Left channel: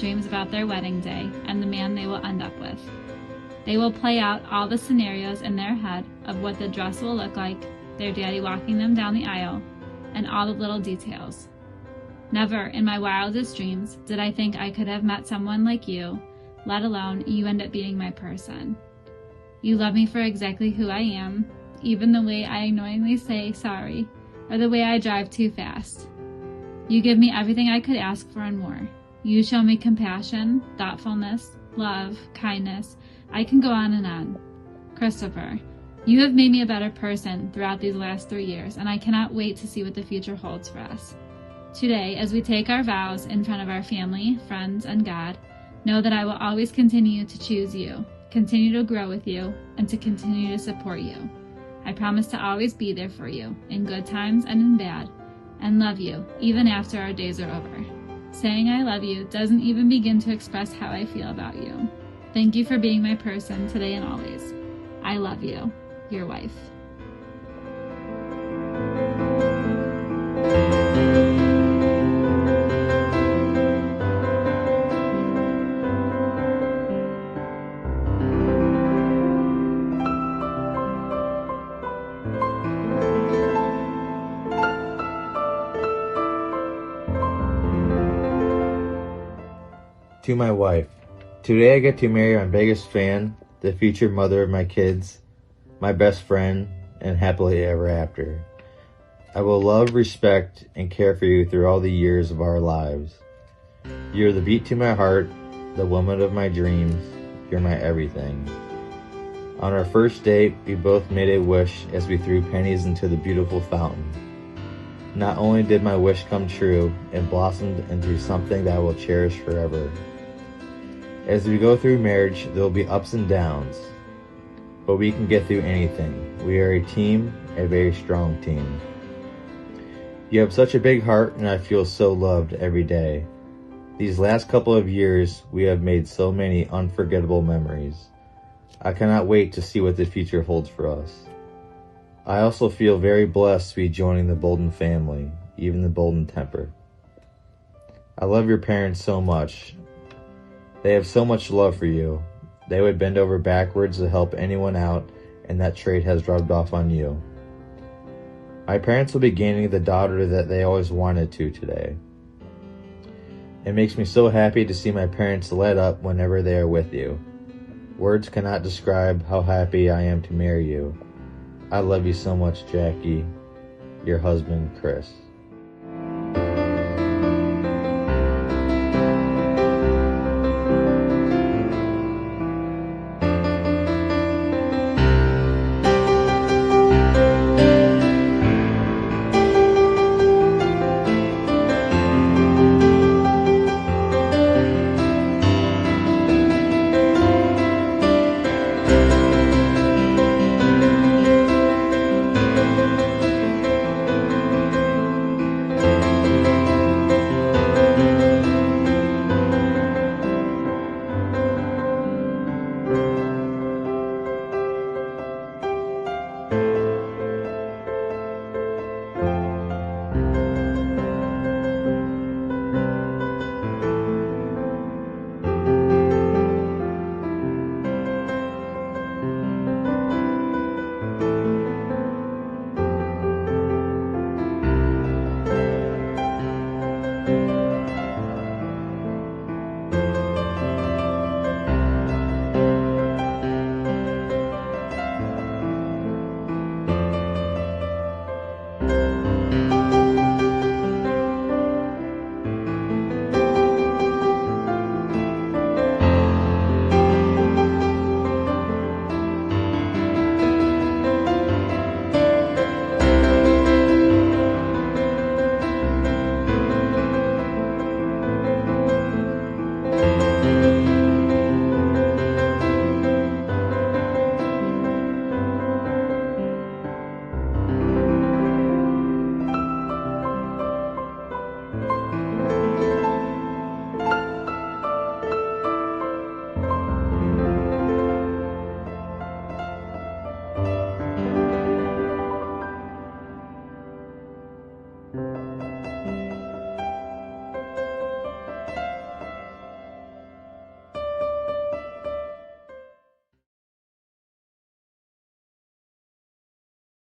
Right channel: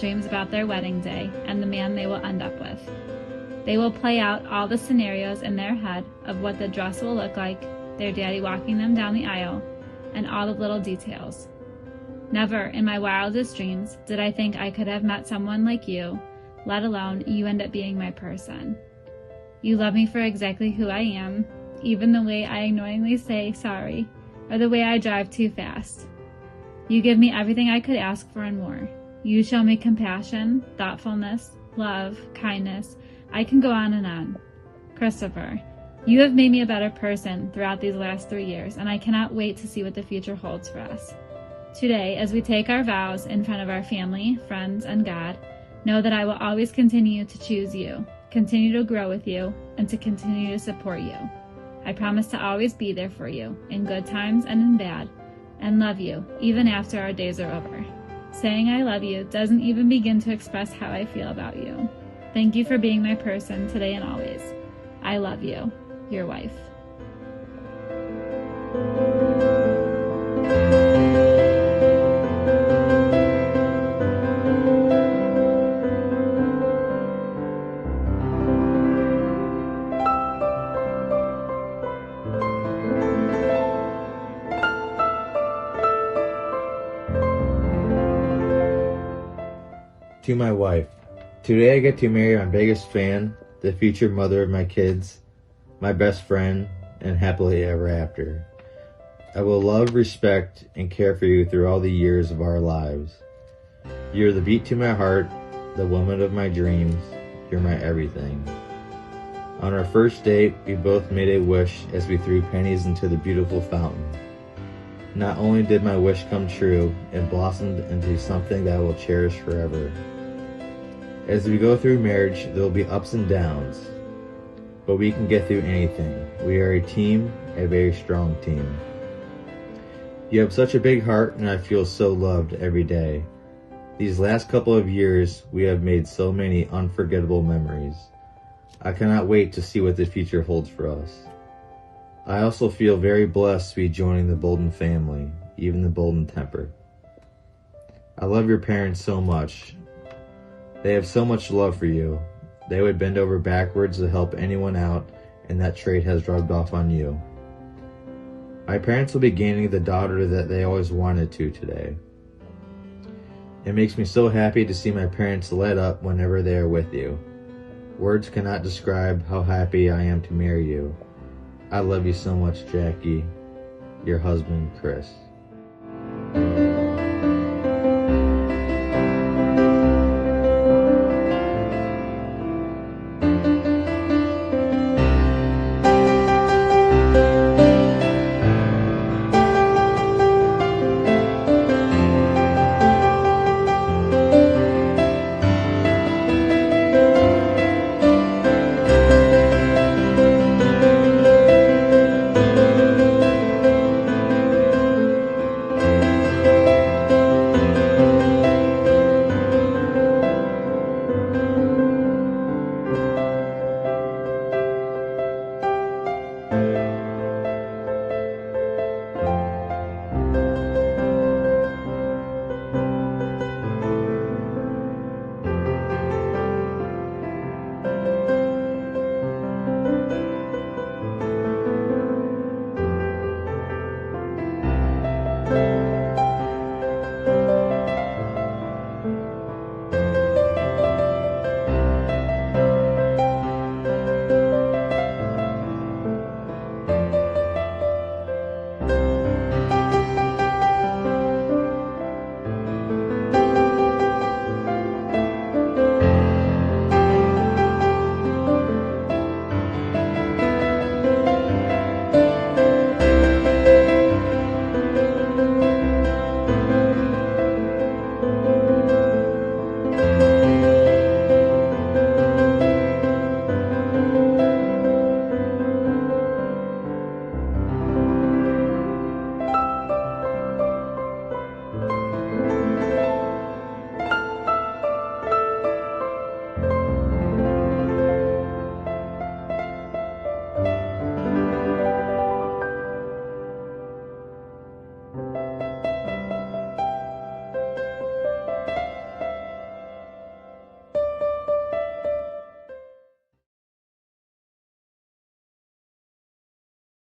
dreams about their wedding day and the man they will end up with. They will play out all the scenarios in their head of what the dress will look like, their daddy walking them down the aisle, and all the little details. Never in my wildest dreams did I think I could have met someone like you, let alone you end up being my person. You love me for exactly who I am, even the way I annoyingly say sorry, or the way I drive too fast. You give me everything I could ask for and more. You show me compassion, thoughtfulness, love, kindness. I can go on and on. Christopher, you have made me a better person throughout these last 3 years, and I cannot wait to see what the future holds for us. Today, as we take our vows in front of our family, friends, and God, know that I will always continue to choose you, continue to grow with you, and to continue to support you. I promise to always be there for you, in good times and in bad, and love you, even after our days are over. Saying I love you doesn't even begin to express how I feel about you. Thank you for being my person today and always. I love you, your wife. To my wife, today I get to marry my biggest fan, the future mother of my kids, my best friend, and happily ever after. I will love, respect, and care for you through all the years of our lives. You're the beat to my heart, the woman of my dreams. You're my everything. On our first date, we both made a wish as we threw pennies into the beautiful fountain. Not only did my wish come true, it blossomed into something that I will cherish forever. As we go through marriage, there will be ups and downs, but we can get through anything. We are a team, a very strong team. You have such a big heart, and I feel so loved every day. These last couple of years, we have made so many unforgettable memories. I cannot wait to see what the future holds for us. I also feel very blessed to be joining the Bolden family, even the Bolden temper. I love your parents so much. They have so much love for you. They would bend over backwards to help anyone out, and that trait has rubbed off on you. My parents will be gaining the daughter that they always wanted to today. It makes me so happy to see my parents light up whenever they are with you. Words cannot describe how happy I am to marry you. I love you so much, Jackie. Your husband, Chris.